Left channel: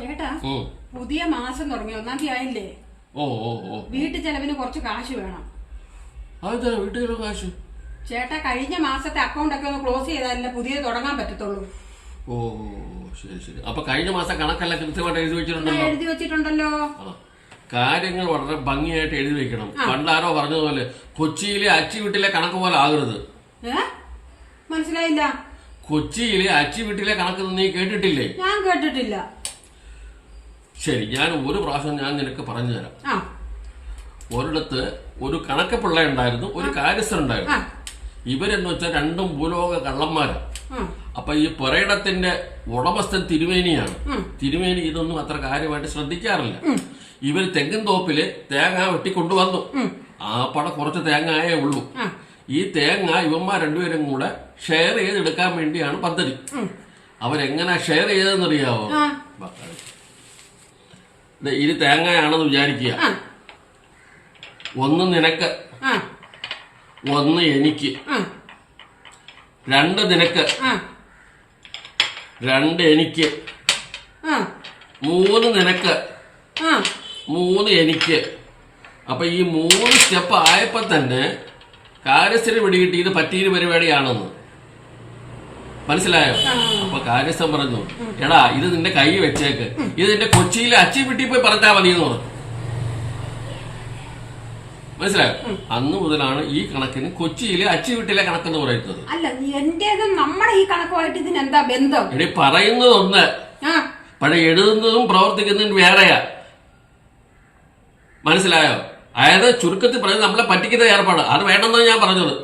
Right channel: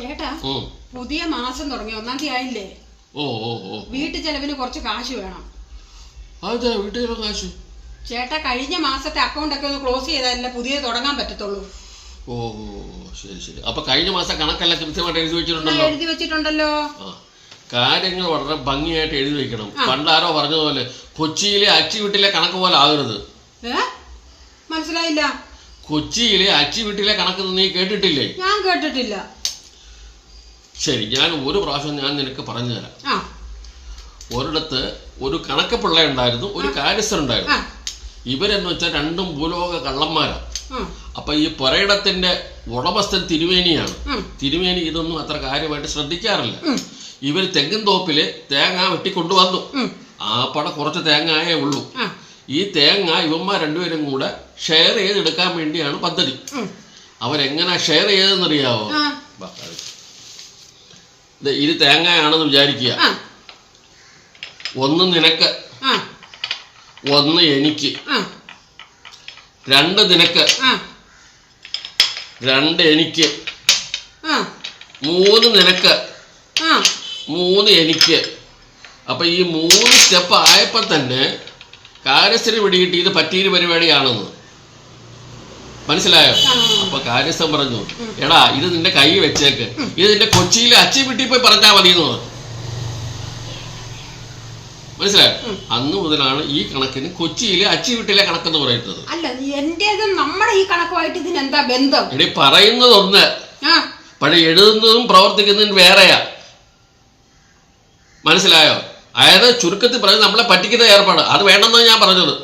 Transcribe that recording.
ചേട്ടാ പുതിയ മാസം തുടങ്ങി 1-ാം തീയതി ആയില്ലേ? വീട്ടു ചെലവിന് കുറച്ച് കാശ് വേണം. അതെ, വീട്ടിലെ കാശ് ചേട്ടാ കഴിഞ്ഞ മാസത്തെ അക്കൗണ്ട് ഒക്കെ ഒന്ന് ക്ലോസ് ചെയ്താലല്ലേ പുതിയത് തുടങ്ങാൻ പറ്റത്തുള്ളൂ. ശരി. അപ്പൊ കഴിഞ്ഞ മാസം കണക്കെല്ലാം കൃത്യമായിട്ട് എഴുതി വെച്ചിട്ടുണ്ടല്ലോ. കാര്യങ്ങൾ വളരെ ഭംഗിയായിട്ട് എഴുതി വെക്കണം. പണ്ടാരോ പറഞ്ഞതുപോലെ കൊച്ചിയിലെ അച്ചി വീട്ടിലെ കണക്ക് പോലെ ആകരുത്. മനസ്സിലായില്ല. കൊച്ചിയിലെ അച്ചി വീട്ടിലെ കണക്ക് നീ കേട്ടിട്ടില്ലേ? ഞാൻ കേട്ടിട്ടില്ല. ശരി, ഞാൻ ഒരു പ്രാവശ്യം നിനക്ക് പറഞ്ഞു തരാം. ഒരിടത്ത് ഒരു കണക്ക് പിള്ള ഉണ്ടായിരുന്നു, ഒരു കാര്യസ്ഥനുണ്ടായിരുന്നു. ഇവരെന്ന് വെച്ചാൽ രണ്ടും ഭൂലോക കള്ളന്മാരാ. അപ്പൊ ഈ പുരയിടത്തിന്റെ ഉടമസ്ഥൻ തിരുമേനിയാണ്. തിരുമേനി ഇതൊന്നും അത്ര കാര്യമായിട്ട് ശ്രദ്ധിക്കാറില്ല. ഇവർ തെങ്ങിൻ തോപ്പില് തേങ്ങ വെട്ടിക്കൊണ്ടുവന്നു. ആ പട കുറച്ച് തേങ്ങയേ ഉള്ളൂ. ഈ തേങ്ങ ഇവന്മാർ രണ്ടുപേരും കൂടെ ഷെയർ ചെയ്തെടുക്കാൻ വേണ്ടിയാണ് പദ്ധതി. അവരെങ്ങനെ ഷെയർ ചെയ്തെന്നറിയാവോ? ഇത് തേങ്ങയാണെന്ന് വിചാരിക്കുക. ഒന്ന് നിനക്ക്, ഒന്ന് എനിക്ക്, 2 നിനക്ക്, 2 എനിക്ക്, 3 നിനക്ക്, 3 എനിക്ക്. അപ്പൊ ഈ 3 സ്റ്റെപ്പ് ആയപ്പോ തന്നെ കാര്യസ്ഥന് പിടികിട്ടി ഇത് പറ്റിയൊരു പരിപാടിയാണെന്ന്. മനസ്സിലായോ? അപ്പൊ കാര്യസ്ഥൻ പറഞ്ഞു, എടാ ഇത് നിന്റെ കൈ വെച്ചേക്ക്, ഇത് നിന്റെ കൊച്ചിയിലെ അച്ചി വീട്ടിൽ പോയി പറഞ്ഞാൽ മതി എന്ന് പറഞ്ഞു. മനസ്സിലായോ? അന്ന് മുതലാണ് ഈ കണക്കിന് കൊച്ചിയിലെ അച്ചി വീട്ടിലെ കണക്കെന്ന് പറയുന്നത്. അല്ല, എന്റേതും നമ്മുടെ ഈ കണക്കുമായിട്ട് ഇതിനെന്താ ബന്ധം? എടി പറയുന്നത് ഒന്ന്, പക്ഷെ എഴുതുന്നതും പ്രവർത്തിക്കുന്നതും വേറെയാ. മനസ്സിലായോ? അതായത് ചുരുക്കത്തിൽ പറഞ്ഞ് നമ്മളെ പറ്റിക്കുന്ന ഏർപ്പാട് അത് വേണമെന്നാണ് ഞാൻ പറഞ്ഞത്.